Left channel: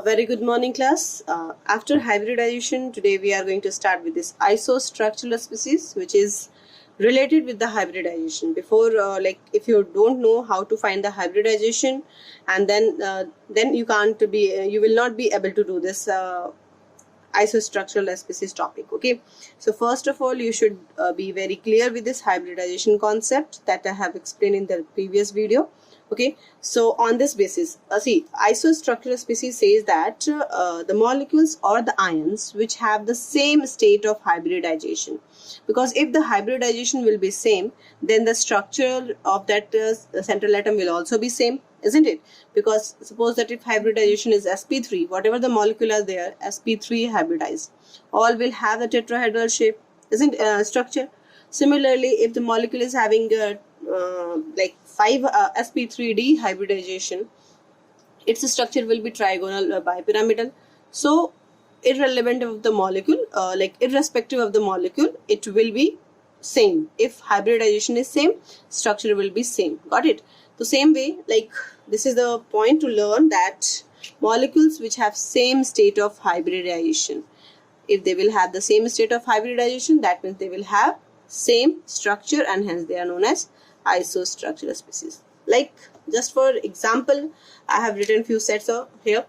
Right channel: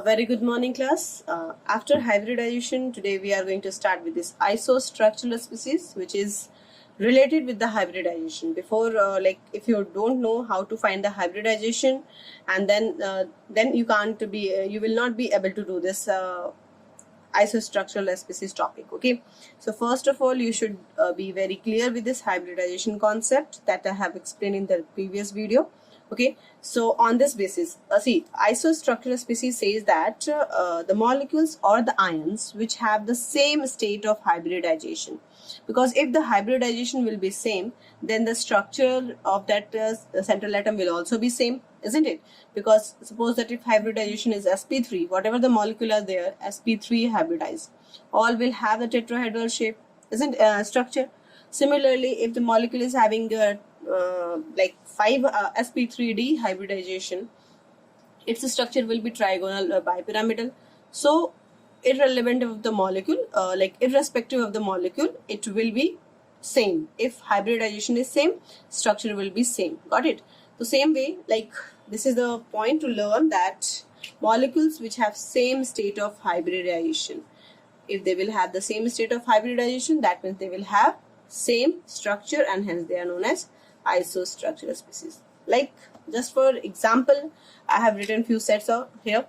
A very good morning, class. After hybridization, today we are going to start with this isostructural species, which is related with the hybridization. Before, if you don't know how to find the hybridization, and then you will not be able to do this isostructural species topic. Okay, so first of all, you should be very clear with this hybridization concept that I have explained in the previous video. Okay, so on this basis, see, isostructural species says that the molecules or the ions which have the same state of hybridization, because if the hybridization will be same, then the structure of that central atom will also be same, isn't it? Because suppose that if hybridization is sp3, whatever the molecule are there, sp3 hybridized, all will have the tetrahedral shape, isn't structure. Similarly, if the molecule is having 5 sp3d hybridization, its structure will be trigonal bipyramidal. So irrelevant of the molecule, irrespective of the molecule, it will be same. If hybridization is same, structure will be same. Got it? The same way, this is the point to learn that molecules which have same state of hybridization, if they will have the same state of hybridization, that means they will have same structure, and hence they are known as isostructural species. Like, just for example, I have written few sets here.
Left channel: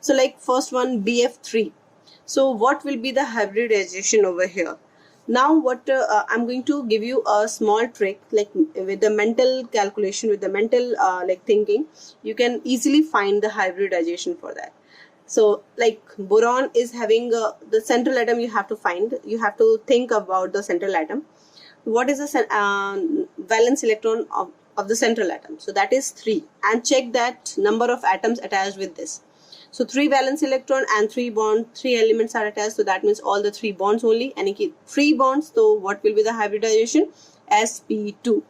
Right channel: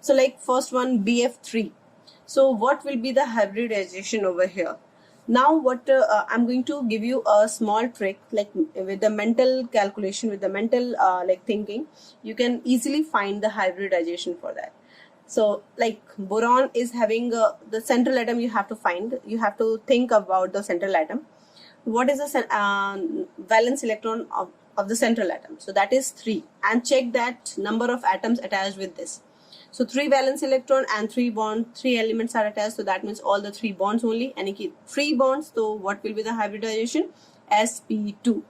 So first one, BF3. So what will be the hybridization over here? Now what I'm going to give you a small trick, with the mental calculation, with the mental thinking, you can easily find the hybridization for that. So boron is having the central atom, you have to think about the central atom. What is the valence electron of the central atom? So that is 3, and check that number of atoms attached with this. So 3 valence electron and 3 elements are attached, so that means all the 3 bonds only, and 3 bonds, so what will be the hybridization? sp2.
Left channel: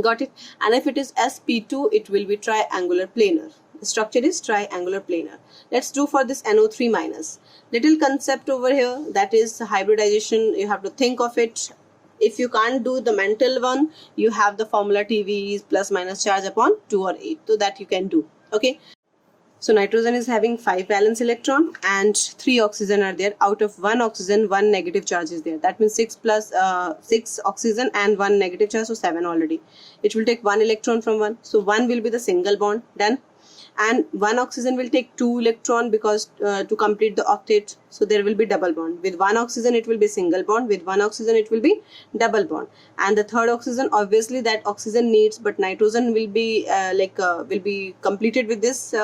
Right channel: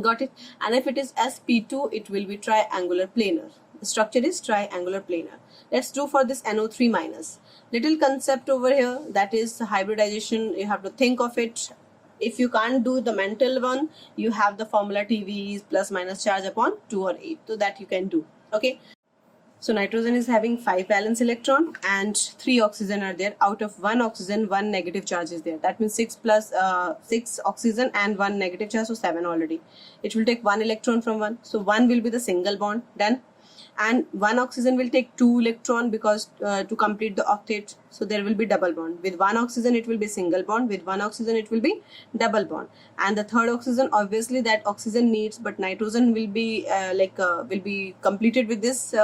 Got it? And if it is sp2, it will be triangular planar. The structure is triangular planar. Let's do for this NO3 minus. Little concept over here, that is hybridization. You have to think of it. If you can't do the mental one, you have the formula TV is plus minus charge upon 2 or 8, so that you can do. Okay, so nitrogen is having 5 valence electron and 3 oxygen are there. Out of 1 oxygen, 1 negative charge is there. That means 6 plus 6 oxygen and 1 negative charge, so 7 already. It will take 1 electron from 1, so 1 will be the single bond. Done. And 1 oxygen will take 2 electron, because to complete the octet, so there will be double bond. With 1 oxygen it will be single bond, with 1 oxygen it will be double bond. And the third oxygen, obviously that oxygen needs, but nitrogen will be completed with this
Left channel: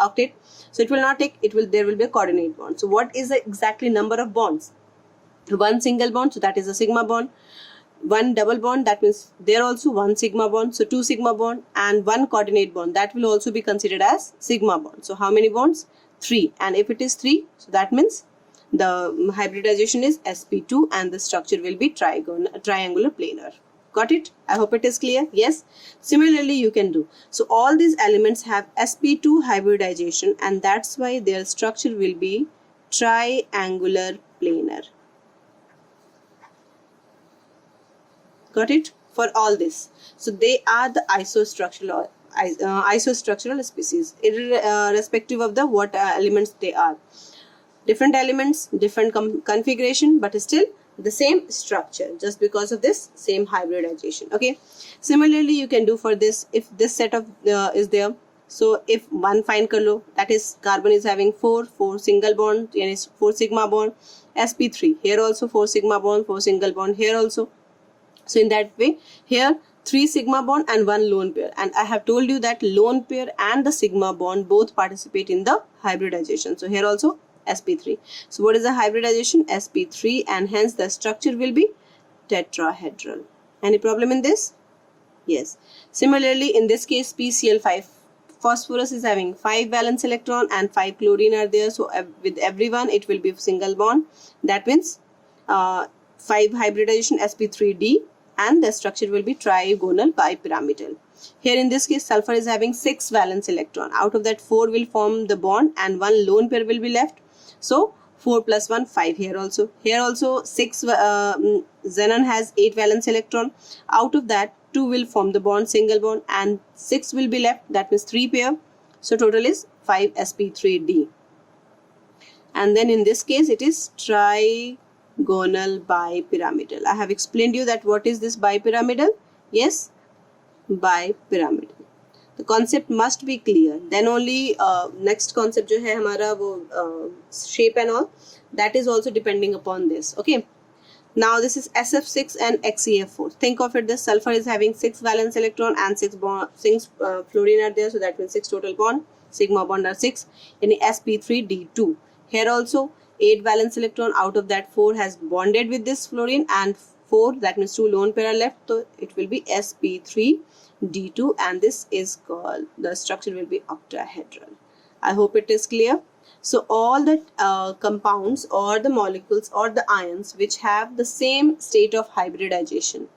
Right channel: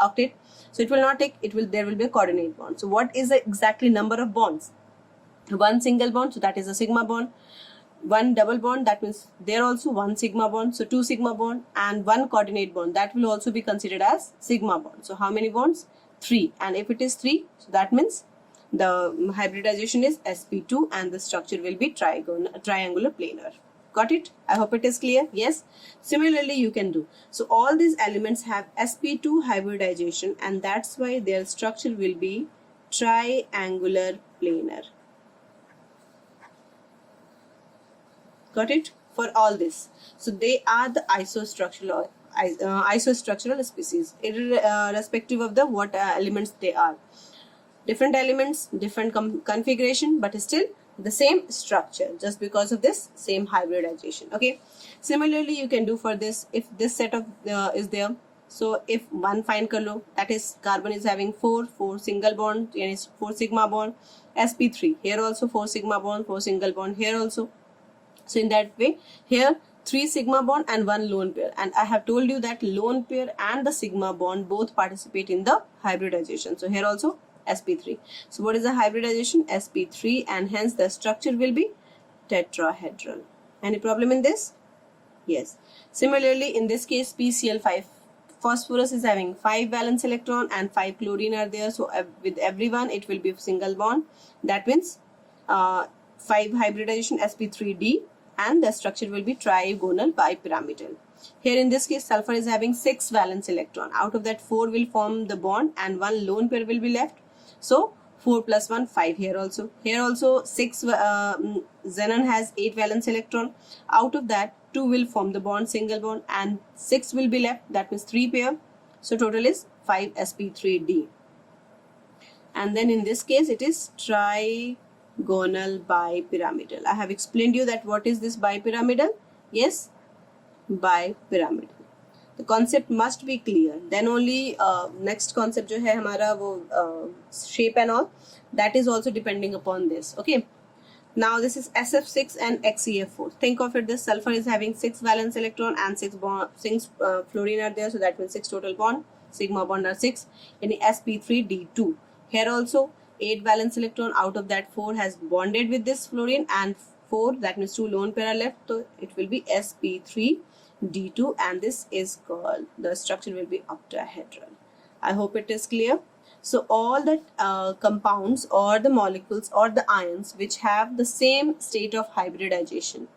octet, so it will not take, there will be a coordinate bond. So what is the exactly number of bonds? 1 single bond, so that is a sigma bond. 1 double bond, that means there also 1 sigma bond, so 2 sigma bond, and 1 coordinate bond, that will also be considered as sigma bond. So how many bonds? 3. And if it is 3, so that means the hybridization is sp2 and the structure will be triangular planar. Got it? I hope it is clear. Yes. Similarly, you can do. So all these elements have sp2 hybridization, and that's why their structure will be triangular planar. Got it? For all this, so they are the isostructural species, irrespective of the what elements they are. Different elements, different configuration, but still the same structure, just because of this same hybridization. Okay. Similarly, you can do for this, if this set of is there. So if one fine color, that is carbon is having 4 single bond, and is 4 sigma bond. sp3, here also 4 sigma bond, 4 single bond, here also. So in that way, here 3 sigma bond and 1 lone pair, and I have told you that lone pair and the sigma bond both participate in the hybridization. So here also sp3. So what is the hybridization? sp3, and hence the structure will be tetrahedral. Any problem in this? Yes. Similarly, in this case, PCl5, phosphorus is having 5 valence electron and 5 chlorine are there. So with everyone it will be single bond. That means 5 hybridization sp3d, and the structure will be trigonal bipyramidal. Here in this case, sulfur is having 6 valence electron. Out of that, 4 will form the bond and 1 lone pair will be left. So 4 plus 1, 5 here also. Here also 6, xenon has 8 valence electron. Out of that, 2 will form the bond, single bond, and 6 will be left. That means 3 pair. So total is 5 sp3d. and then in this case it is trigonal bipyramidal. I have explained you that what is this bipyramidal. Yes, bipyramidal. The concept must be clear. Then only next concept जो है हमारा वो shape and all, that is also depending upon this. Okay. Now this is SF6 and XeF4. Think of it, the sulfur is having 6 valence electron and 6 fluorine are there, so that means 6 total bond. Sigma bond are 6. In sp3d2. Here also 8 valence electron, out of that 4 has bonded with this fluorine and 4, that means 2 lone pair are left, so it will be sp3d2 and this is called, the structure will be octahedral. I hope it is clear. So all the compounds or the molecules or the ions which have the same state of hybridization,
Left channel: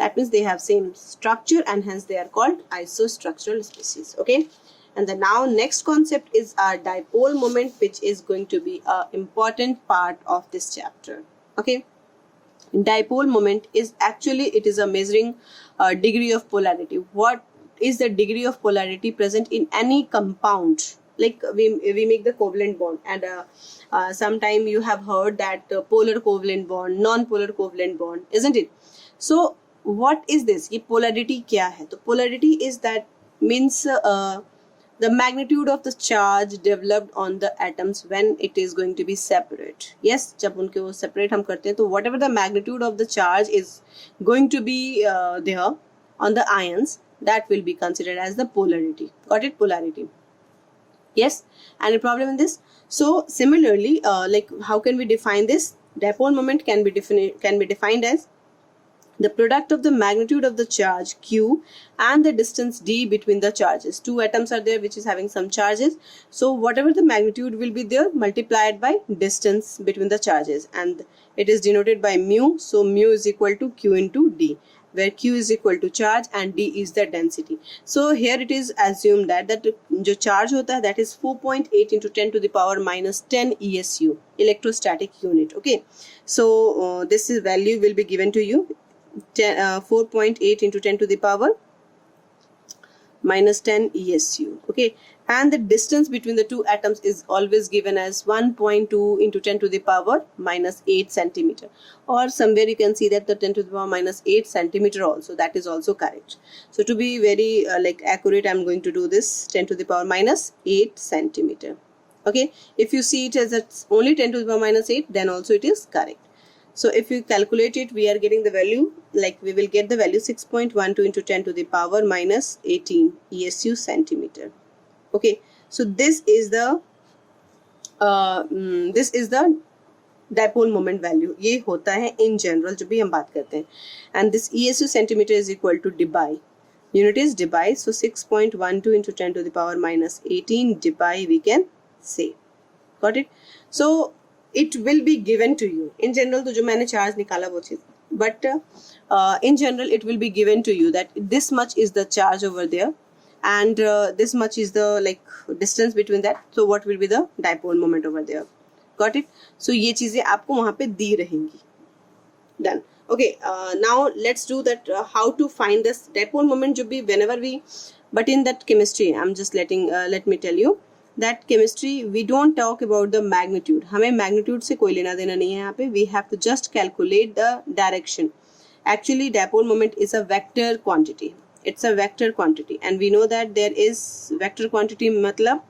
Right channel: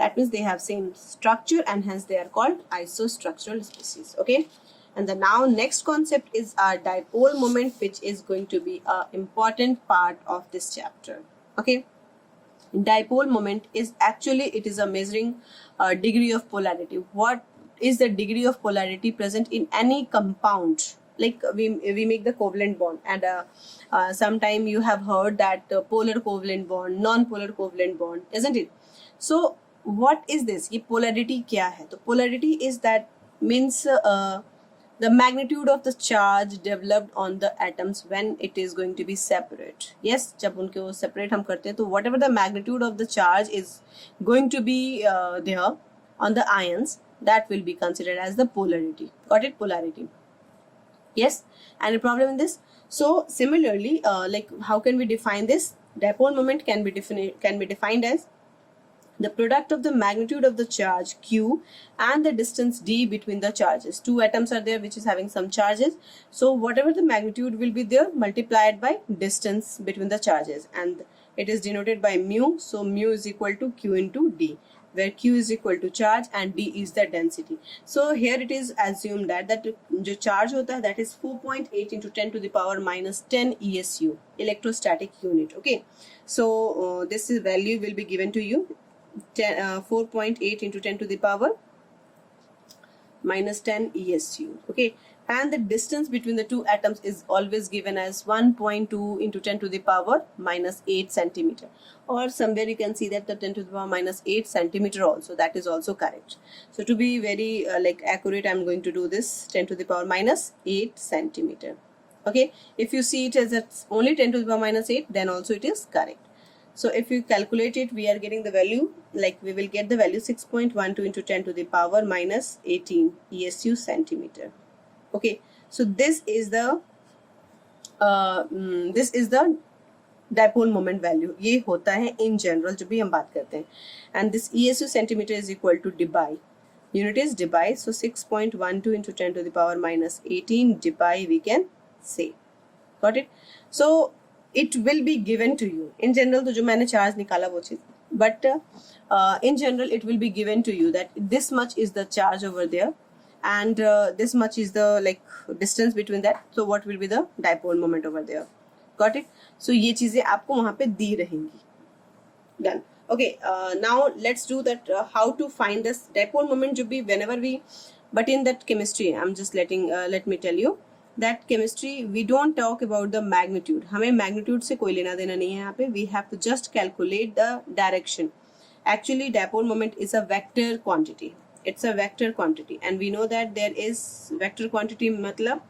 that means they have same structure and hence they are called isostructural species. Okay, and the now next concept is our dipole moment, which is going to be an important part of this chapter. Okay, dipole moment is actually, it is a measuring degree of polarity. What is the degree of polarity present in any compound? Like we make the covalent bond, and sometime you have heard that polar covalent bond, non-polar covalent bond, isn't it? So what is this? ये polarity क्या है? तो polarity is that means the magnitude of the charge developed on the atoms when it is going to be separate. Yes, जब उनके वो separate हम करते हैं तो whatever the magnitude of the charge is going to be there on the ions, that will be considered as the polarity. Got it? Polarity. Yes, any problem in this? So similarly, like how can we define this? Dipole moment can be defined as the product of the magnitude of the charge q and the distance d between the charges. Two atoms are there which is having some charges. So whatever the magnitude will be there, multiplied by distance between the charges, and it is denoted by mu. So mu is equal to q into d, where q is equal to charge and d is the density. So here it is assumed that जो charge होता है, that is 4.8 into 10 to the power minus 10 ESU, electrostatic unit. Okay, so this is value will be given to you, 4.8 into 10 to the power minus 10 ESU. Okay, and the distance between the two atoms is always given as 1.2 into 10 to the power minus 8 centimeter, or somewhere you can see that the 10 to the power minus 8 centimeter also, that is also correct. So to be very like accurate, I'm going to do this 10 to the power minus 8 centimeter. Okay, if you see it as it's only 10 to the power minus 8, then also it is correct. So if you calculate it, we are getting the value, like we will get the value 6.12 into 10 to the power minus 18 ESU centimeter. Okay, so this is the dipole moment value. ये होता है in general जब भी हम बात करते हैं, and this ESU centimeter is equal to debye. Unit is debye, so 6.12 into 10 to the power minus 18 debye we can say. Got it? So it will be given to you in general. तो जो मैंने charge निकाला वो चीज, but in general it will be given to you that this much is the charge over there, and this much is the like distance between that. So what will be the dipole moment over there? Got it? So ये चीजें आपको वहाँ पे दी रहेंगी. Done. Okay. Now let's do that. How to find this dipole moment? जो भी whenever we, but in that chemistry, I'm just let me tell you that chemistry we don't talk about the magnitude. हमें magnitude से कोई लेना देना नहीं है यहाँ पे. We have to just calculate the direction. Actually, dipole moment is a vector quantity. It's a vector quantity, and we know that there is vector quantity मतलब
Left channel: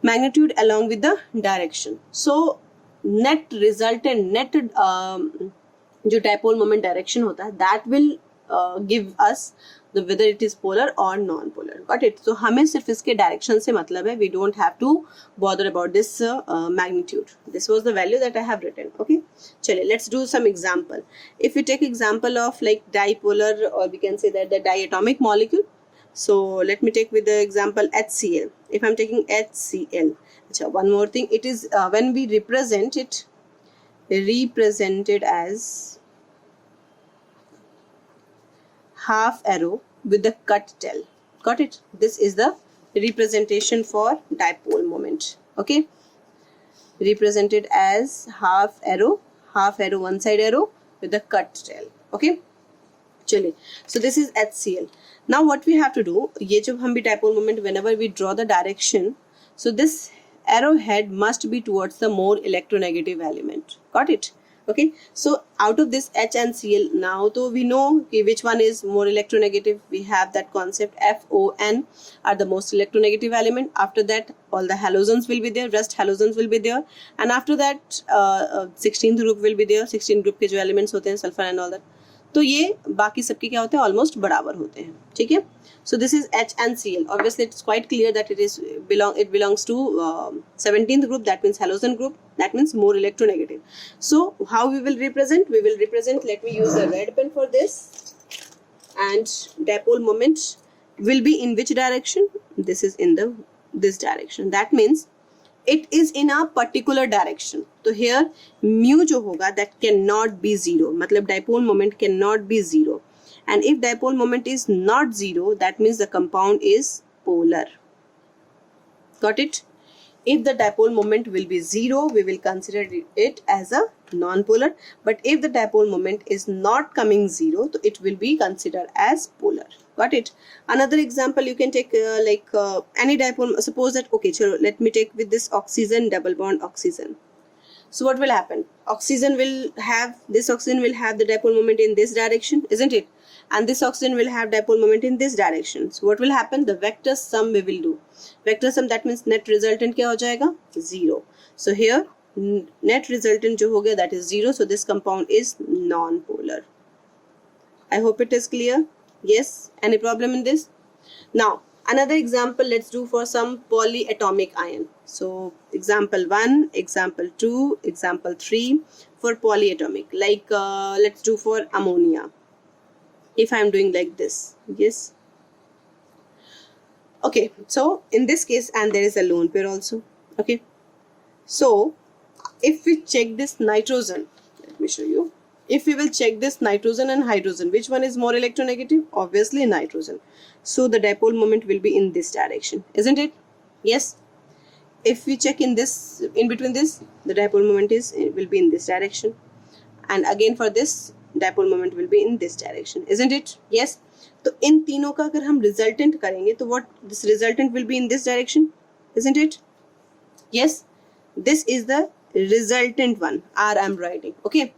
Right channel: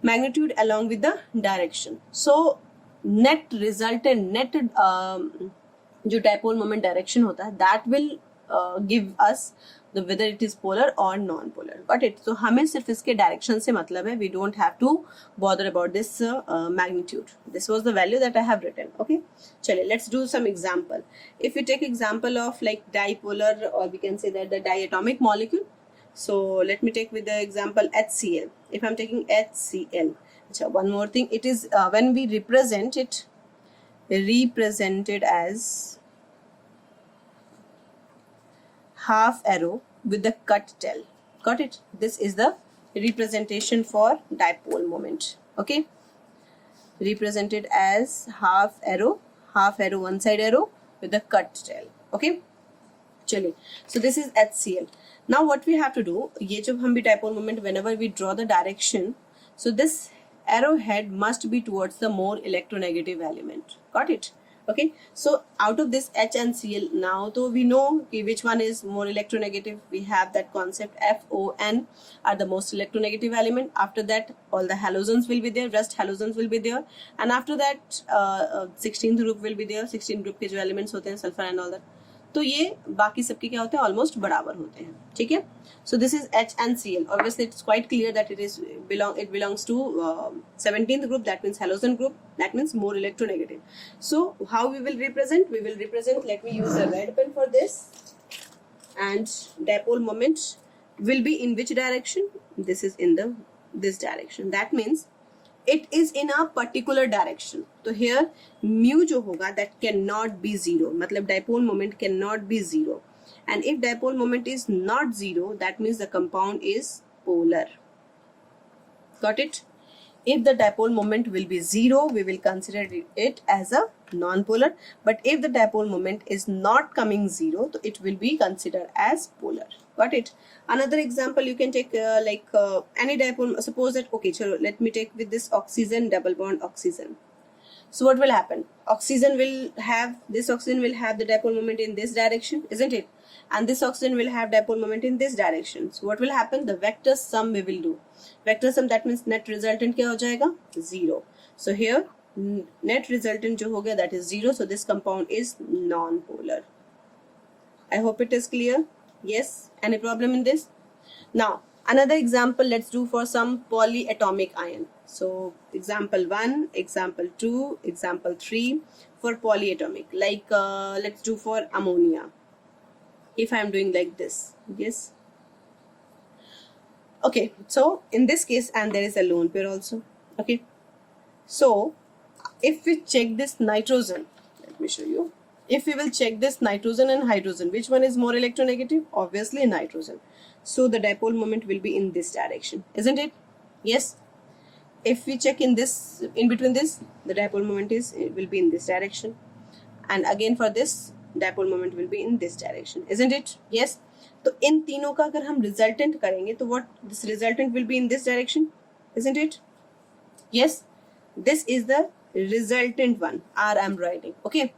magnitude along with the direction. So net resultant net जो dipole moment direction होता है, that will give us the whether it is polar or non-polar. Got it? So हमें सिर्फ इसके direction से मतलब है. We don't have to bother about this magnitude. This was the value that I have written. Okay, चलिए let's do some example. If we take example of like dipolar, or we can say that the diatomic molecule. So let me take with the example HCl. If I'm taking HCl, so one more thing, it is when we represent it, represented as half arrow with the cut tail. Got it? This is the representation for dipole moment. Okay, represented as half arrow one side arrow with the cut tail. Okay, चलिए, so this is HCl. Now what we have to do, ये जब हम भी dipole moment, whenever we draw the direction, so this arrowhead must be towards the more electronegative element. Got it? Okay, so out of this H and Cl, now though we know which one is more electronegative, we have that concept FON are the most electronegative element. After that, all the halogens will be there, rest halogens will be there, and after that 16th group will be there. 16th group के जो elements होते हैं sulfur and all that, तो ये बाकी सबके क्या होते हैं, ऑलमोस्ट बराबर होते हैं. ठीक है, so this is H and Cl. Obviously it's quite clear that it belongs to 17th group, that means halogen group, that means more electronegative. So how we will represent, let me use a red pen for this, and dipole moment will be in which direction? This is in this direction. That means it is in a particular direction. So here mu जो होगा that cannot be zero, मतलब dipole moment cannot be zero. And if dipole moment is not zero, that means the compound is polar. Got it? If the dipole moment will be zero, we will consider it as a non-polar. But if the dipole moment is not coming zero, so it will be considered as polar. Got it? Another example you can take any dipole. Suppose that, okay, chalo, let me take with this oxygen, double bond oxygen. So what will happen? This oxygen will have the dipole moment in this direction, isn't it? And this oxygen will have dipole moment in this direction. So what will happen? The vector sum we will do. Vector sum, that means net resultant क्या हो जाएगा? 0. So here net resultant जो हो गया, that is 0. So this compound is non-polar. I hope it is clear. Yes. Any problem in this? Now another example let's do for some polyatomic ion. So example 1, example 2, example 3 for polyatomic. Like let's do for ammonia. If I am doing like this, yes. Okay, so in this case, and there is a lone pair also. Okay, so if we check this nitrogen, let me show you. If we will check this nitrogen and hydrogen, which one is more electronegative? Obviously nitrogen. So the dipole moment will be in this direction, isn't it? Yes. If we check in between this, the dipole moment will be in this direction, and again for this, dipole moment will be in this direction, isn't it? Yes. तो इन तीनों का अगर हम resultant करेंगे, तो what this resultant will be in this direction, isn't it? Yes. This is the resultant one. R I am writing. Okay.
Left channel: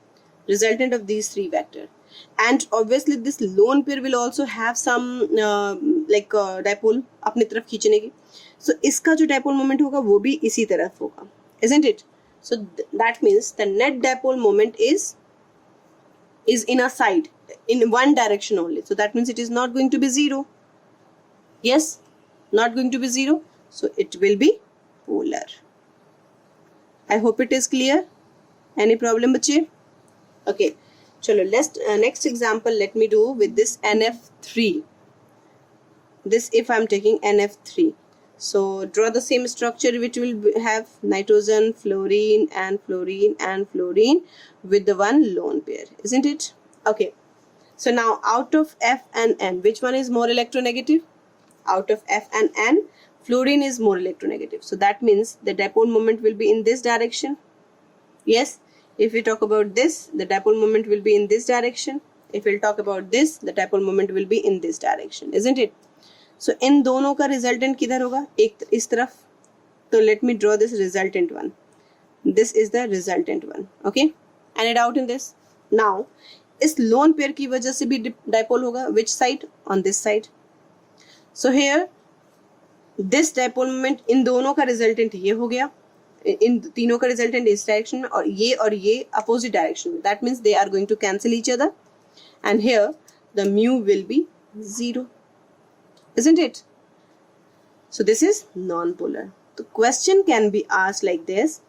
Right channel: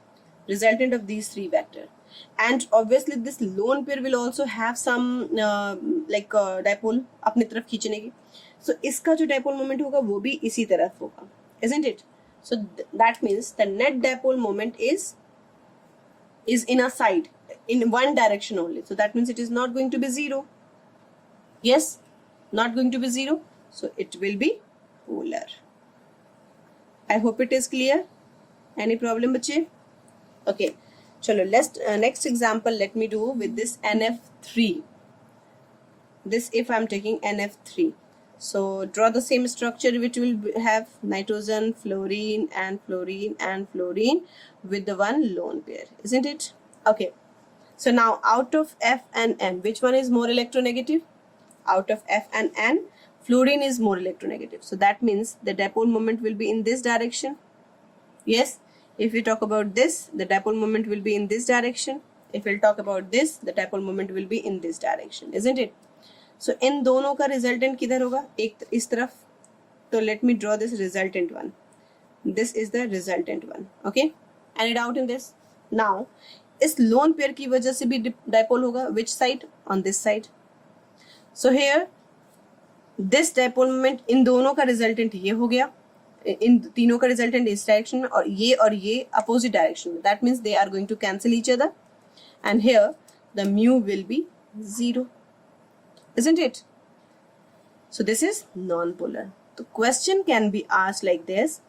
Resultant of these three vector, and obviously this lone pair will also have some dipole अपने तरफ खींचने की. So इसका जो dipole moment होगा वो भी इसी तरफ होगा, isn't it? So that means the net dipole moment is in a side, in one direction only. So that means it is not going to be zero. Yes, not going to be zero. So it will be polar. I hope it is clear. Any problem, bache? Okay, chalo, let's next example let me do with this NF3. This if I am taking NF3. So draw the same structure which will have nitrogen, fluorine and fluorine and fluorine with the one lone pair, isn't it? Okay. So now out of F and N, which one is more electronegative? Out of F and N, fluorine is more electronegative. So that means the dipole moment will be in this direction. Yes. If we talk about this, the dipole moment will be in this direction. If we'll talk about this, the dipole moment will be in this direction, isn't it? So इन दोनों का resultant किधर होगा? एक इस तरफ. So let me draw this resultant one. This is the resultant one. Okay. Any doubt in this? Now इस lone pair की वजह से भी dipole होगा. Which side? On this side. So here this dipole moment इन दोनों का resultant ये हो गया. इन तीनों का resultant इस direction में और ये opposite direction में. That means they are going to cancel each other. And here the mu will be 0. Isn't it? So this is non-polar. The question can be asked like this.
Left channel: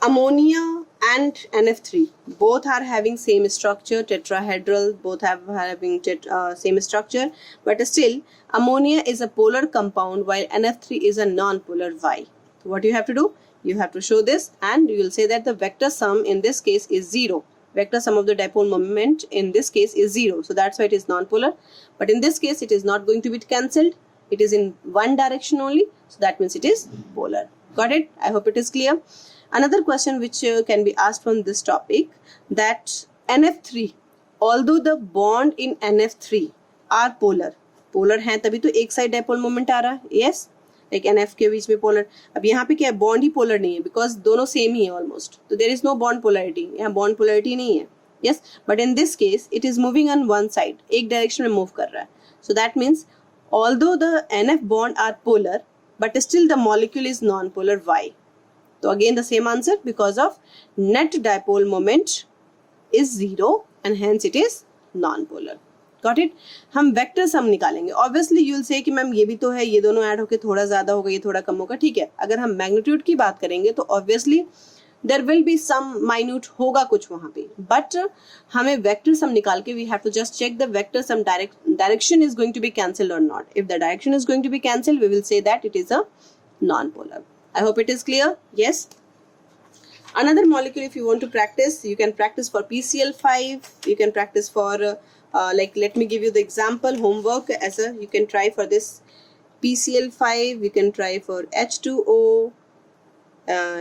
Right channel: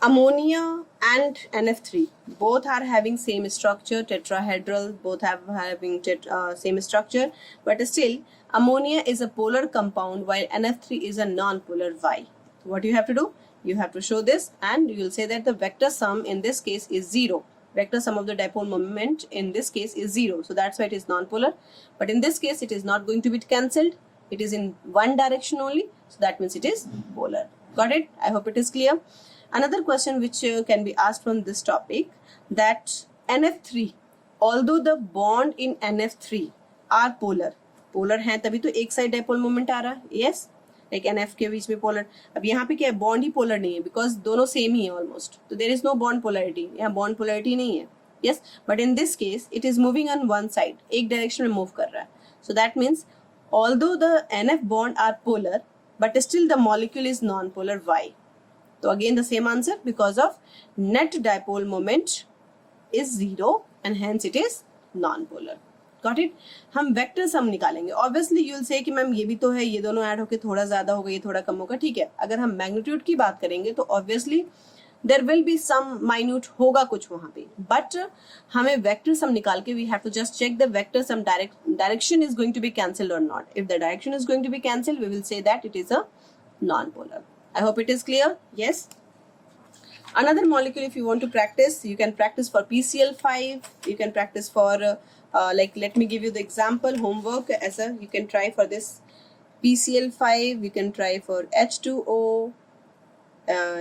Ammonia and NF3 both are having same structure, tetrahedral, both having same structure, but still ammonia is a polar compound while NF3 is a non-polar. Why? So what you have to do? You have to show this, and you will say that the vector sum in this case is 0. Vector sum of the dipole moment in this case is 0. So that's why it is non-polar. But in this case, it is not going to be cancelled. It is in one direction only. So that means it is polar. Got it? I hope it is clear. Another question which can be asked from this topic, that NF3, although the bond in NF3 are polar है तभी तो एक side dipole moment आ रहा है. Yes. Like NF के बीच में polar, अब यहाँ पे क्या है, बॉन्ड ही पोलर नहीं है बिकॉज दोनों सेम ही है ऑलमोस्ट, तो there is no bond polarity, यहाँ बॉन्ड पोलरिटी नहीं है. Yes, but in this case it is moving on one side, एक डायरेक्शन में मूव कर रहा है. So that means although the NF bond are polar but still the molecule is non-polar. Why? So again the same answer, because of net dipole moment is zero and hence it is non-polar. Got it? हम vector sum निकालेंगे. Obviously you will say कि ma'am ये भी तो है, ये दोनों add होकर थोड़ा ज्यादा होगा, ये थोड़ा कम होगा. ठीक है, अगर हम मैग्नीट्यूड की बात करेंगे तो obviously there will be some minute होगा कुछ वहां पे, बट हमें वेक्टर सम निकाल के we have to just check the vector sum direction is going to be cancelled or not. If the direction is going to be cancelled we will say that it is a non polar. I hope it is clear. Yes, another molecule if you want to practice, you can practice for PCl5, you can practice for like let me give you the example homework as a, you can try for this PCl5, you can try for H2O,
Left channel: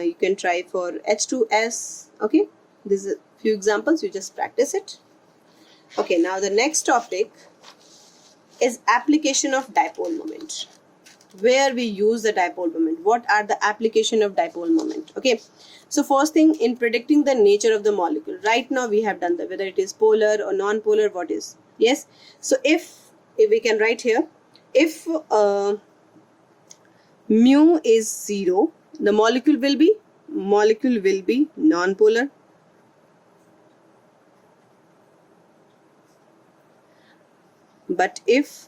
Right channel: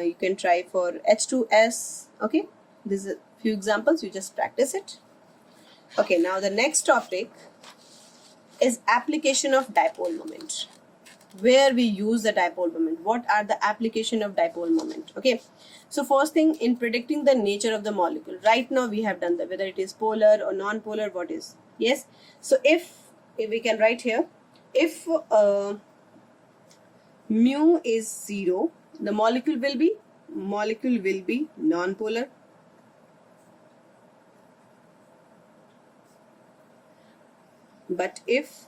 you can try for H2S. Okay, this is a few examples, you just practice it. Okay, now the next topic is application of dipole moment, where we use the dipole moment, what are the application of dipole moment. Okay, so first thing, in predicting the nature of the molecule, right now we have done that whether it is polar or non-polar, what is. Yes, so if we can write here, if mu is 0, the molecule will be non-polar. But if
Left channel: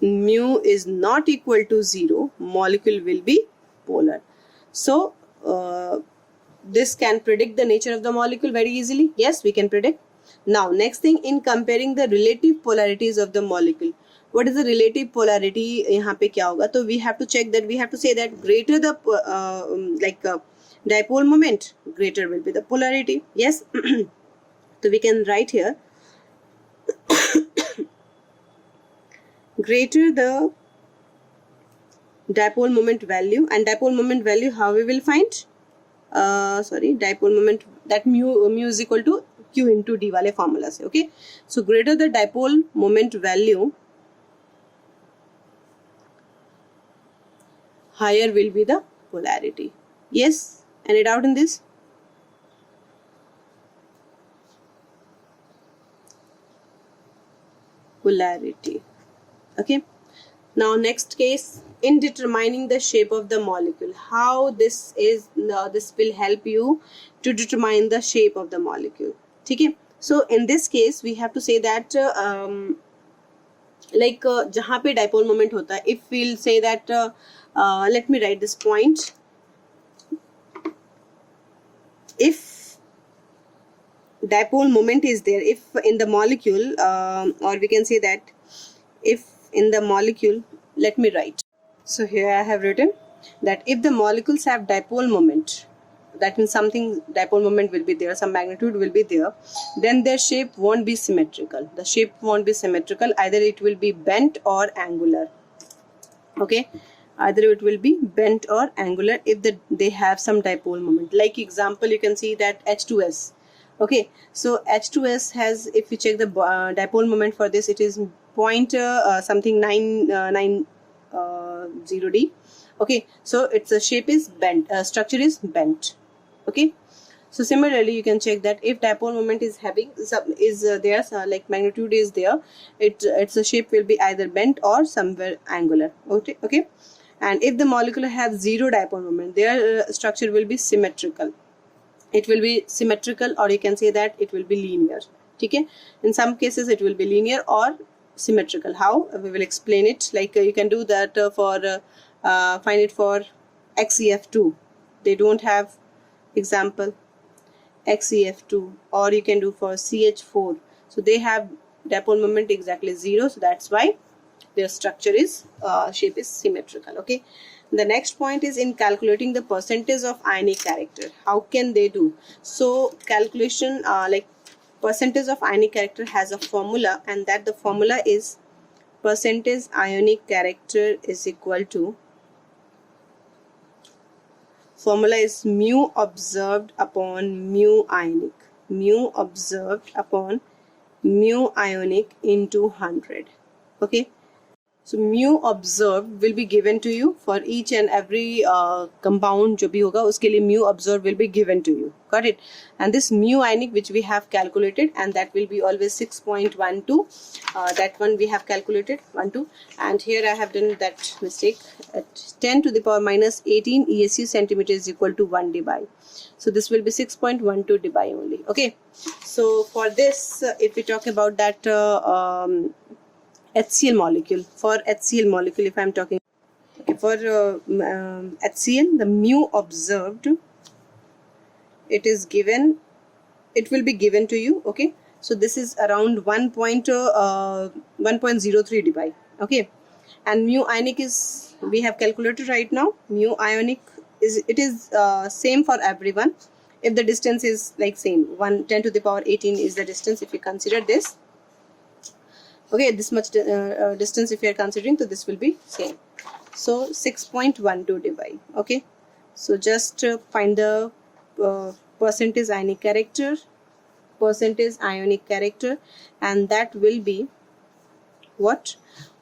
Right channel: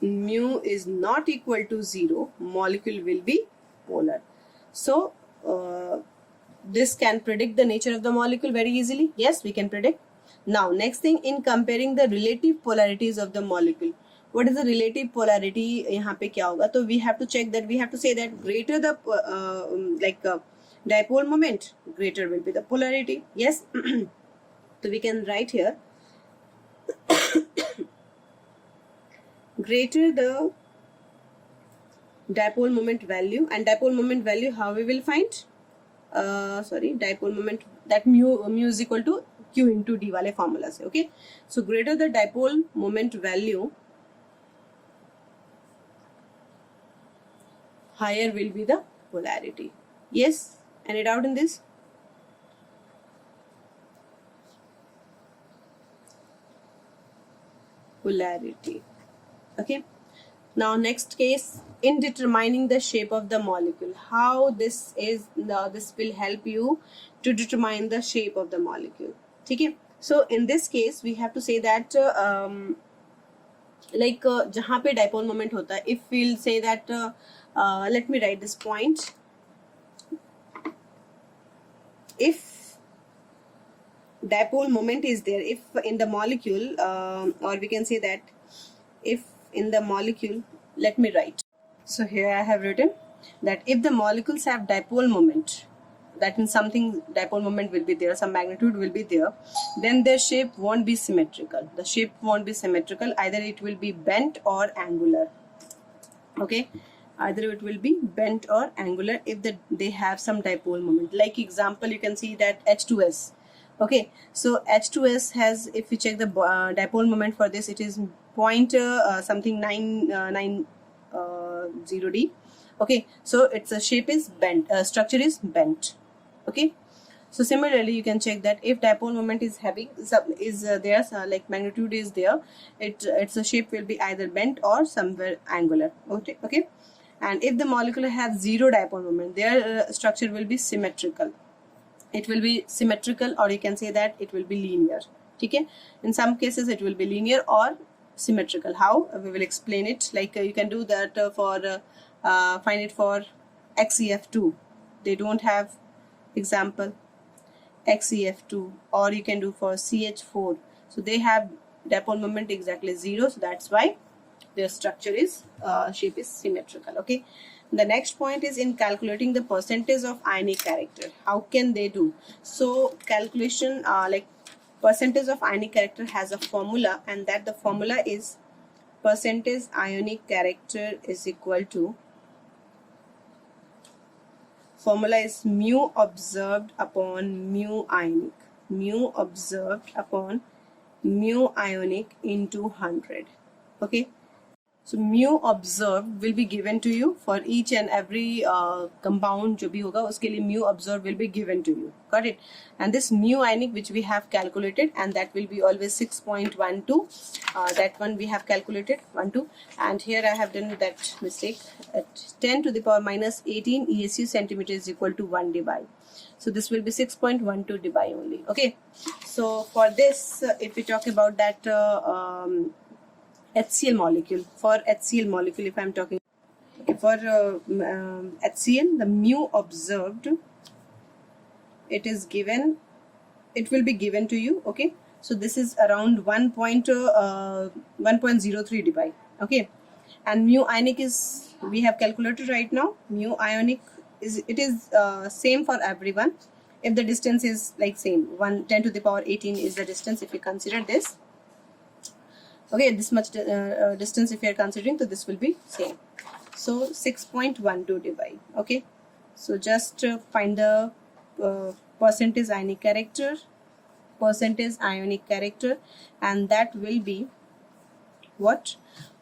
mu is not equal to 0, molecule will be polar. So this can predict the nature of the molecule very easily. Yes, we can predict. Now next thing, in comparing the relative polarities of the molecule, what is the relative polarity, यहाँ पे क्या होगा, तो we have to check that, we have to say that greater the dipole moment, greater will be the polarity. Yes, so we can write here greater the dipole moment value, and dipole moment value how we will find, dipole moment, that mu is equal to q into d वाले formula से. Okay, so greater the dipole moment value, higher will be the polarity. Yes, any doubt in this? Polarity. Okay, now next case, in determining the shape of the molecule, how this will help you to determine the shape of the molecule. ठीक है, so in this case we have to say that जहाँ पे dipole moment होता है, if we'll say that let me write this point, if dipole moment is there, if in the molecule or we can say that if in the molecule, let me write, so here I have written that if the molecules have dipole moment, that means something dipole moment will be there, some magnitude will be there, then their shape won't be symmetrical. The shape won't be symmetrical, either it will be bent or angular. Okay, either it will be bent or angular if they have some dipole moment. Like example, you can see that H2S. Okay, so H2S has, if you check the dipole moment for this, it is point something 990D. Okay, so its shape is bent, structure is bent. Okay, so similarly you can check that if dipole moment is having there, like magnitude is there, its shape will be either bent or somewhere angular. Okay, and if the molecule have zero dipole moment, their structure will be symmetrical. It will be symmetrical, or you can say that it will be linear. Okay, in some cases it will be linear or symmetrical. How? We will explain it. Like you can do that for find it for XEF2. They don't have example XEF2, or you can do for CH4. So they have dipole moment exactly 0. So that's why their structure is shape is symmetrical. Okay. The next point is in calculating the percentage of ionic character. How can they do? So calculation like percentage of ionic character has a formula, and that the formula is percentage ionic character is equal to, formula is mu observed upon mu ionic. Mu observed upon mu ionic into 100. Okay. So mu observed will be given to you for each and every compound जो भी होगा उसके लिए mu observed will be given to you. Got it? And this mu ionic which we have calculated, and that will be always 6.12. That one we have calculated 12. And here I have done that mistake. At 10 to the power minus 18 ESU centimeter is equal to 1 dBi. So this will be 6.12 dBi only. Okay. So for this, if we talk about that HCl molecule, for HCl molecule, if I'm talking for HCl, the mu observed, it is given, it will be given to you. Okay, so this is around 1.03 dBi. Okay, and mu ionic is, we have calculated right now. Mu ionic is, it is same for everyone. If the distance is like same, 10 to the power 18 is the distance if you consider this. Okay, this much distance if you are considering, so this will be same. So 6.12 dBi. Okay, so just find the percentage ionic character, and that will be what?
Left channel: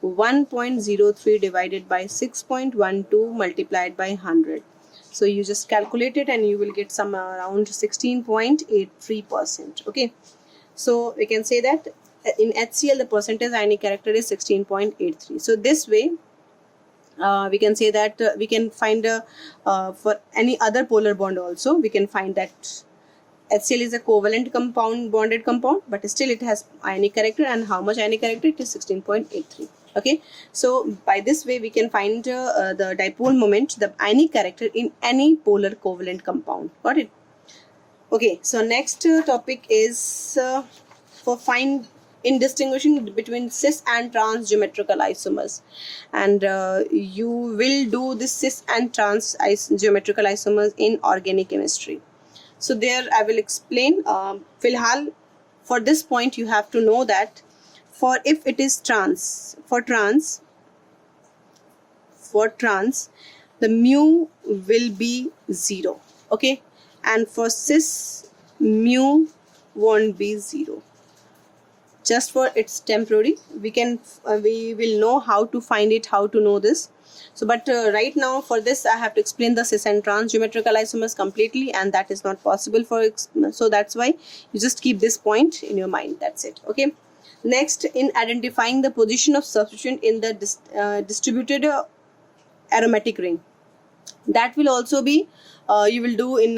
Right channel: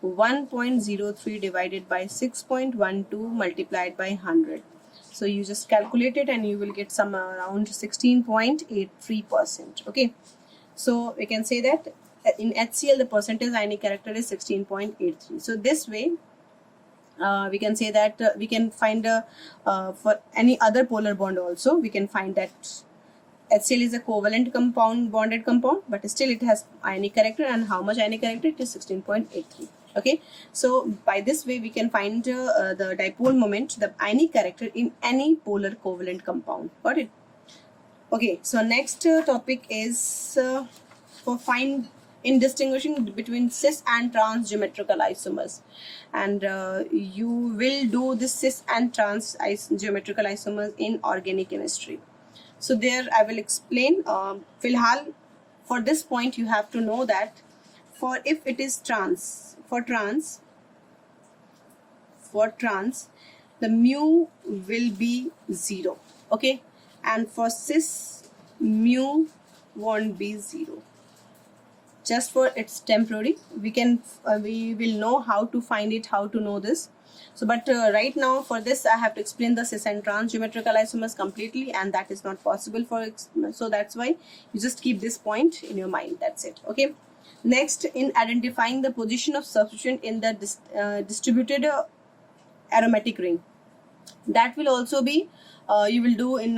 1.03 divided by 6.12 multiplied by 100. So you just calculate it and you will get some around 16.83%. Okay, so we can say that in HCl the percentage ionic character is 16.83. So this way we can say that we can find for any other polar bond also, we can find that HCl is a covalent compound, bonded compound, but still it has ionic character, and how much ionic character? It is 16.83. Okay, so by this way we can find the dipole moment, the ionic character in any polar covalent compound. Got it? Okay, so next topic is for find in distinguishing between cis and trans geometrical isomers, and you will do this cis and trans geometrical isomers in organic chemistry. So there I will explain. Filhal, for this point you have to know that for if it is trans, for trans the mu will be 0. Okay, and for cis mu won't be 0. Just for it's temporary, we will know how to find it, how to know this. So but right now for this I have to explain the cis and trans geometrical isomers completely, and that is not possible for, so that's why you just keep this point in your mind. That's it. Okay, next, in identifying the position of substituent in the distributed aromatic ring, that will also be you will do in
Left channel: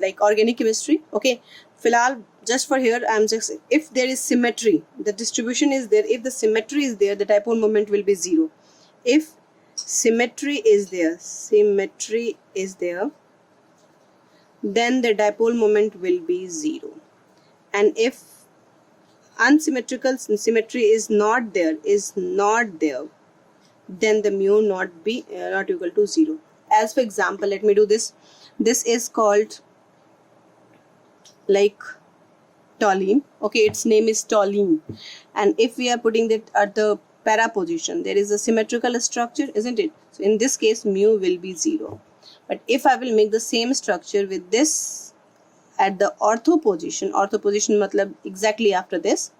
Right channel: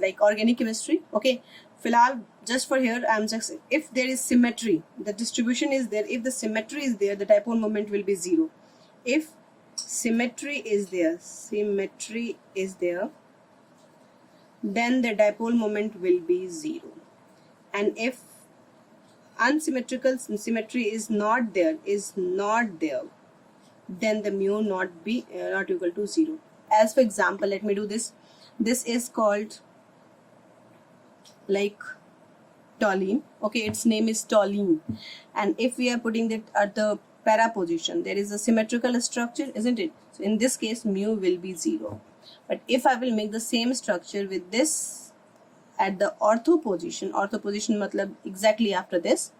like organic chemistry. Okay, filhal just for here I'm just, if there is symmetry, the distribution is there, if the symmetry is there, the dipole moment will be 0. If symmetry is there, then the dipole moment will be 0. And if unsymmetrical symmetry is not there, then the mu not equal to 0. As for example, let me do this. This is called like toluene. Okay, its name is toluene, and if we are putting that at the para position, there is a symmetrical structure, isn't it? So in this case mu will be 0. But if I will make the same structure with this at the ortho position matlab exactly after this,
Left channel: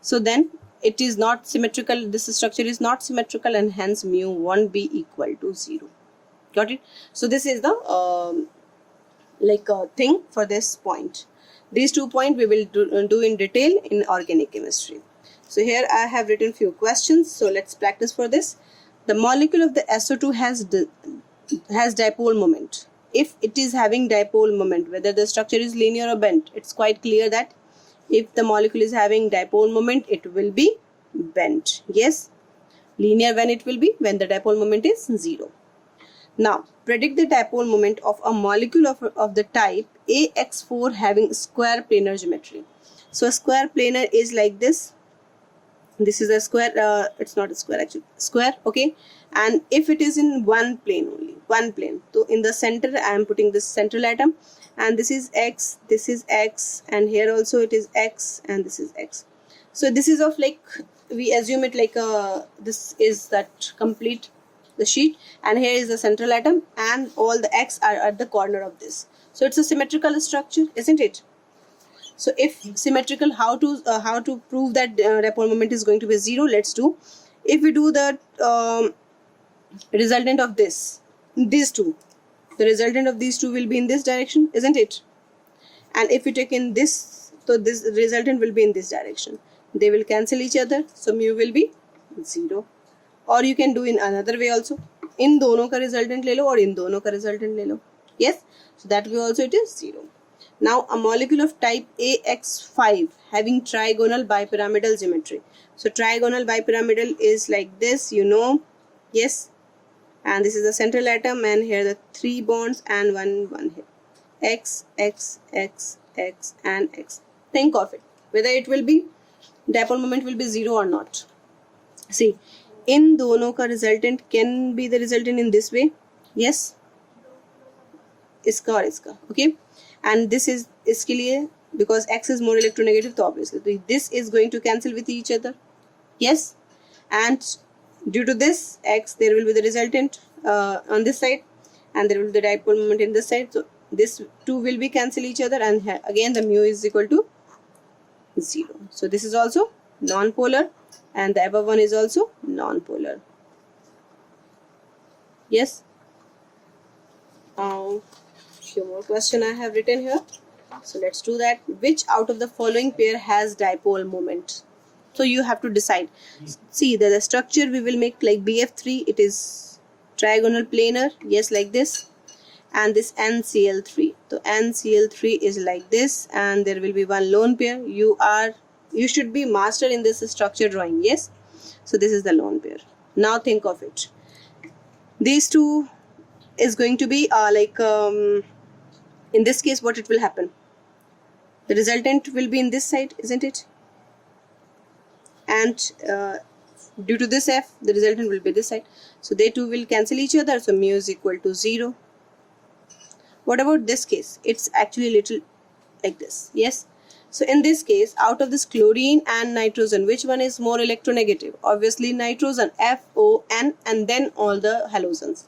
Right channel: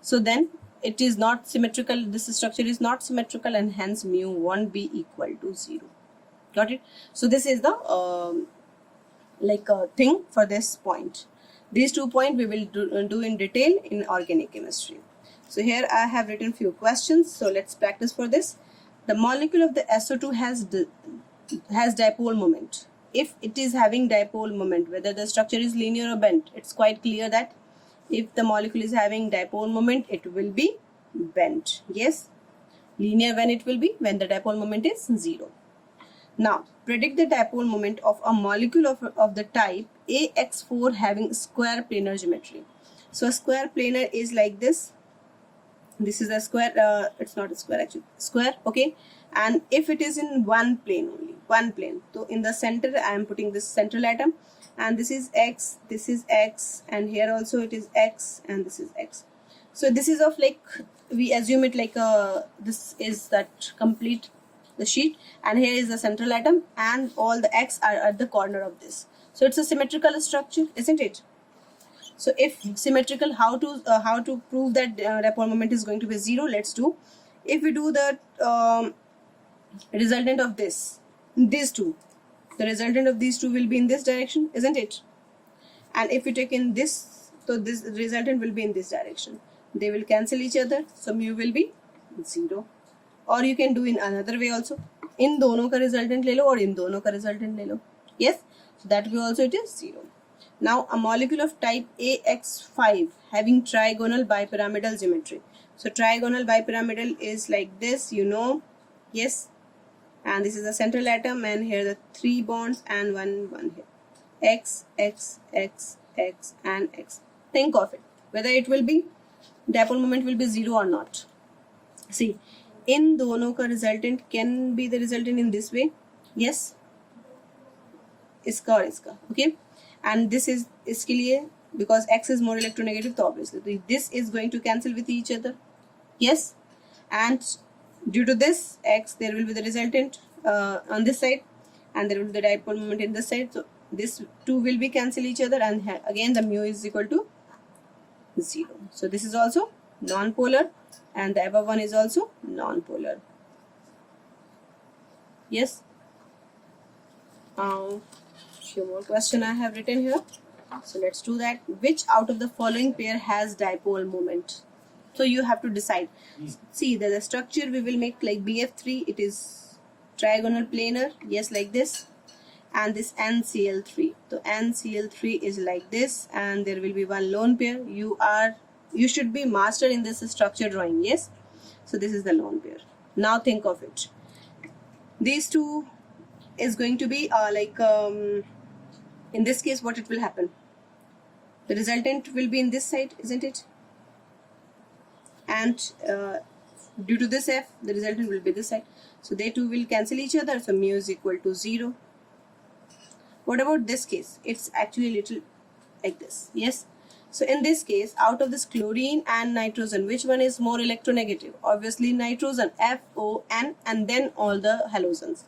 so then it is not symmetrical, this structure is not symmetrical, and hence mu won't be equal to 0. Got it? So this is the thing for this point. These 2 points we will do in detail in organic chemistry. So here I have written few questions, so let's practice for this. The molecule of the SO2 has dipole moment. If it is having dipole moment, whether the structure is linear or bent, it's quite clear that if the molecule is having dipole moment, it will be bent. Yes, linear when it will be, when the dipole moment is 0. Now predict the dipole moment of a molecule of the type AX4 having square planar geometry. So a square planar is like this. This is a square, it's not a square actually, square. Okay, and if it is in one plane only, so in the center I am putting this central atom, and this is X, and here also it is X, and this is X. So this is of like, we assume it like this is that complete the sheet, and here is the central atom, and all the X are at the corner of this. So it's a symmetrical structure, isn't it? So if symmetrical, how to prove that dipole moment is going to be 0? Let's do. If we do the resultant of these two, the resultant of these two will be in this direction, isn't it? And if you take in this, so this resultant will be in this direction. They will cancel each other, so mu will be 0. Or you can do in another way also. इन दोनों का resultant ले लो और इन दोनों का resultant ले लो. Yes, so that way also it is 0. Now a molecule of type AX5 having trigonal bipyramidal geometry. So trigonal bipyramidal is like this, you know. Yes, and this is the central atom, and here the 3 bonds and one here. X, X, X, X, and X. Think of it, whether it will be, dipole moment will be 0 or not. See, in दोनों का resultant can be the resultant in this way. Yes, इसका और इसका. Okay, and this is इसके लिए, because X is more electronegative, so obviously this is going to cancel with each other. Yes, and due to this X, there will be the resultant on this side, and there will be the dipole moment in this side. So this two will be cancel each other, and again the mu is equal to 0. So this is also non-polar, and the above one is also non-polar. Yes. Few more question I have written here. So let's do that. Which out of the following pair has dipole moment? So you have to decide. See, the structure we will make like BF3. It is trigonal planar. Yes, like this. And this NCl3. So NCl3 is like this, and there will be one lone pair. You should be master in this structure drawing. Yes. So this is the lone pair. Now think of it. These two is going to be in this case, what it will happen? The resultant will be in this side, isn't it? And due to this F, the resultant will be this side. So they two will cancel each other. So mu is equal to 0. What about this case? It's actually little like this. Yes. So in this case, out of this chlorine and nitrogen, which one is more electronegative? Obviously nitrogen, FON, and then all the halogens.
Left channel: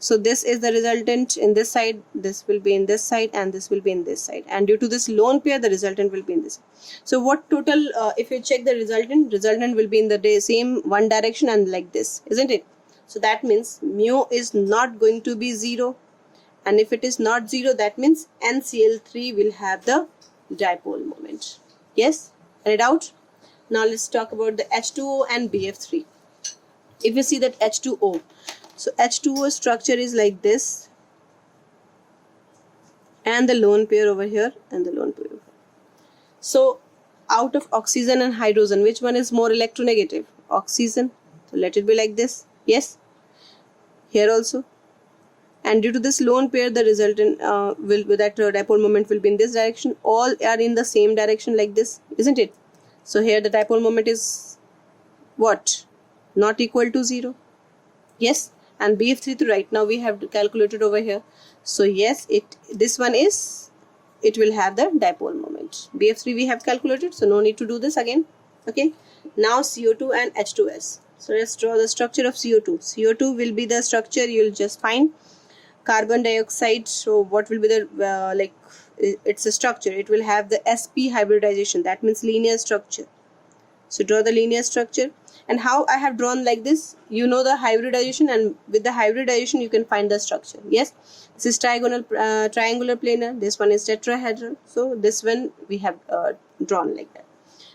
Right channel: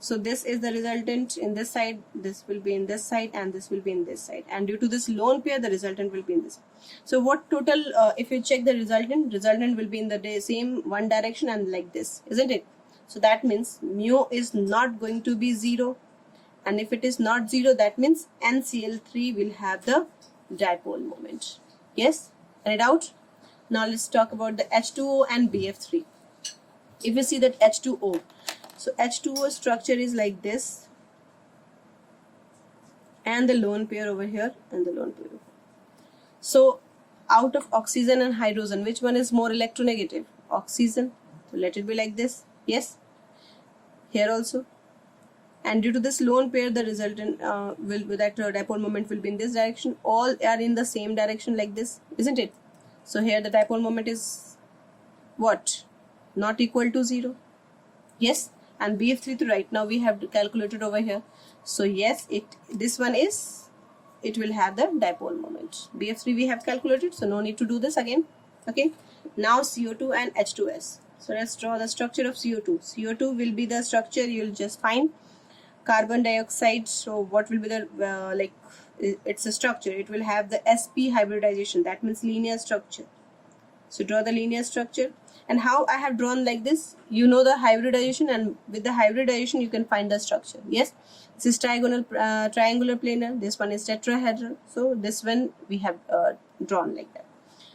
So this is the resultant in this side, this will be in this side, and this will be in this side. And due to this lone pair, the resultant will be in this. So what total, if you check the resultant will be in the same one direction and like this, isn't it? So that means mu is not going to be 0. And if it is not 0, that means NCl3 will have the dipole moment. Yes? Any doubt? Now let's talk about the H2O and BF3. If you see that H2O, so H2O structure is like this, and the lone pair over here, and the lone pair over here. So out of oxygen and hydrogen, which one is more electronegative? Oxygen. So let it be like this. Yes. Here also. And due to this lone pair, the resultant dipole moment will be in this direction. All are in the same direction like this, isn't it? So here the dipole moment is what? Not equal to 0. Yes. And BF3 right now we have calculated over here. So yes, this one is, it will have the dipole moment. BF3 we have calculated, so no need to do this again. Okay. Now CO2 and H2S. So let's draw the structure of CO2. CO2 will be the structure, you will just find carbon dioxide. So what will be the it's a structure. It will have the sp hybridization. That means linear structure. So draw the linear structure. And how I have drawn like this, you know the hybridization, and with the hybridization you can find the structure. Yes, this is triangular planar, this one is tetrahedral. So this one we have drawn like that.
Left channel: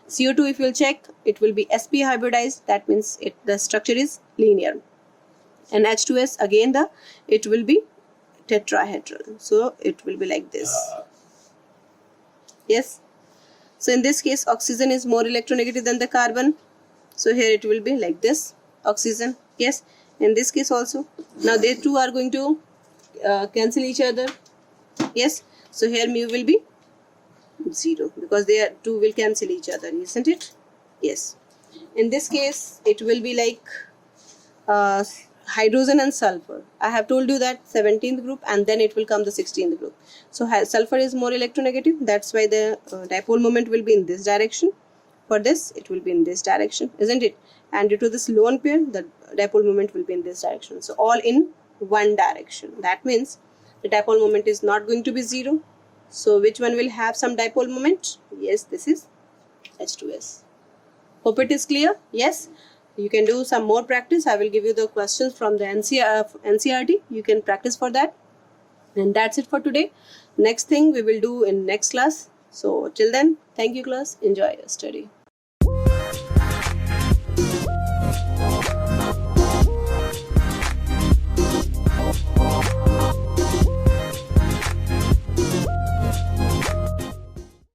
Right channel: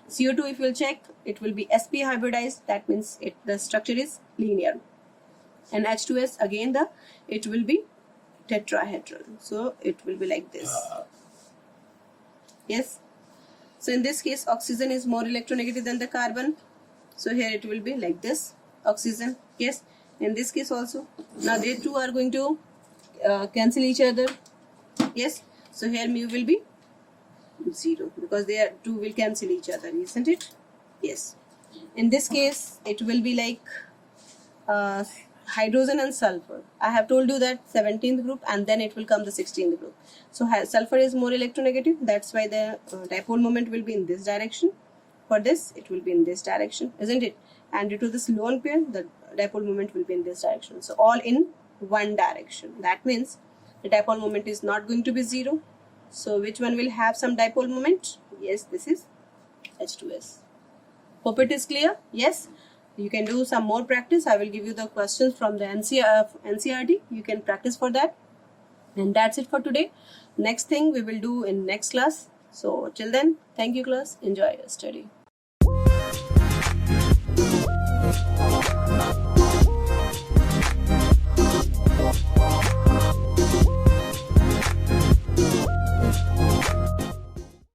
CO2, if you will check, it will be sp hybridized. That means the structure is linear. And H2S, again it will be tetrahedral. So it will be like this. Yes. So in this case, oxygen is more electronegative than the carbon. So here it will be like this, oxygen. Yes. In this case also. Now they two are going to cancel each other. Yes. So here mu will be 0 because they two will cancel each other, isn't it? Yes. In this case, it will be like hydrogen and sulfur. I have told you that 17th group, and then it will come the 16th group. So sulfur is more electronegative. That's why the dipole moment will be in this direction. For this, it will be in this direction, isn't it? And due to this lone pair, the dipole moment will be in this direction. So all in one direction. That means the dipole moment is not going to be 0. So which one will have some dipole moment? Yes, this is H2S. Hope it is clear. Yes. You can do some more practice. I will give you the questions from the NCERT. You can practice for that. And that's it for today. Next thing we will do in next class. So till then, thank you class. Enjoy your study.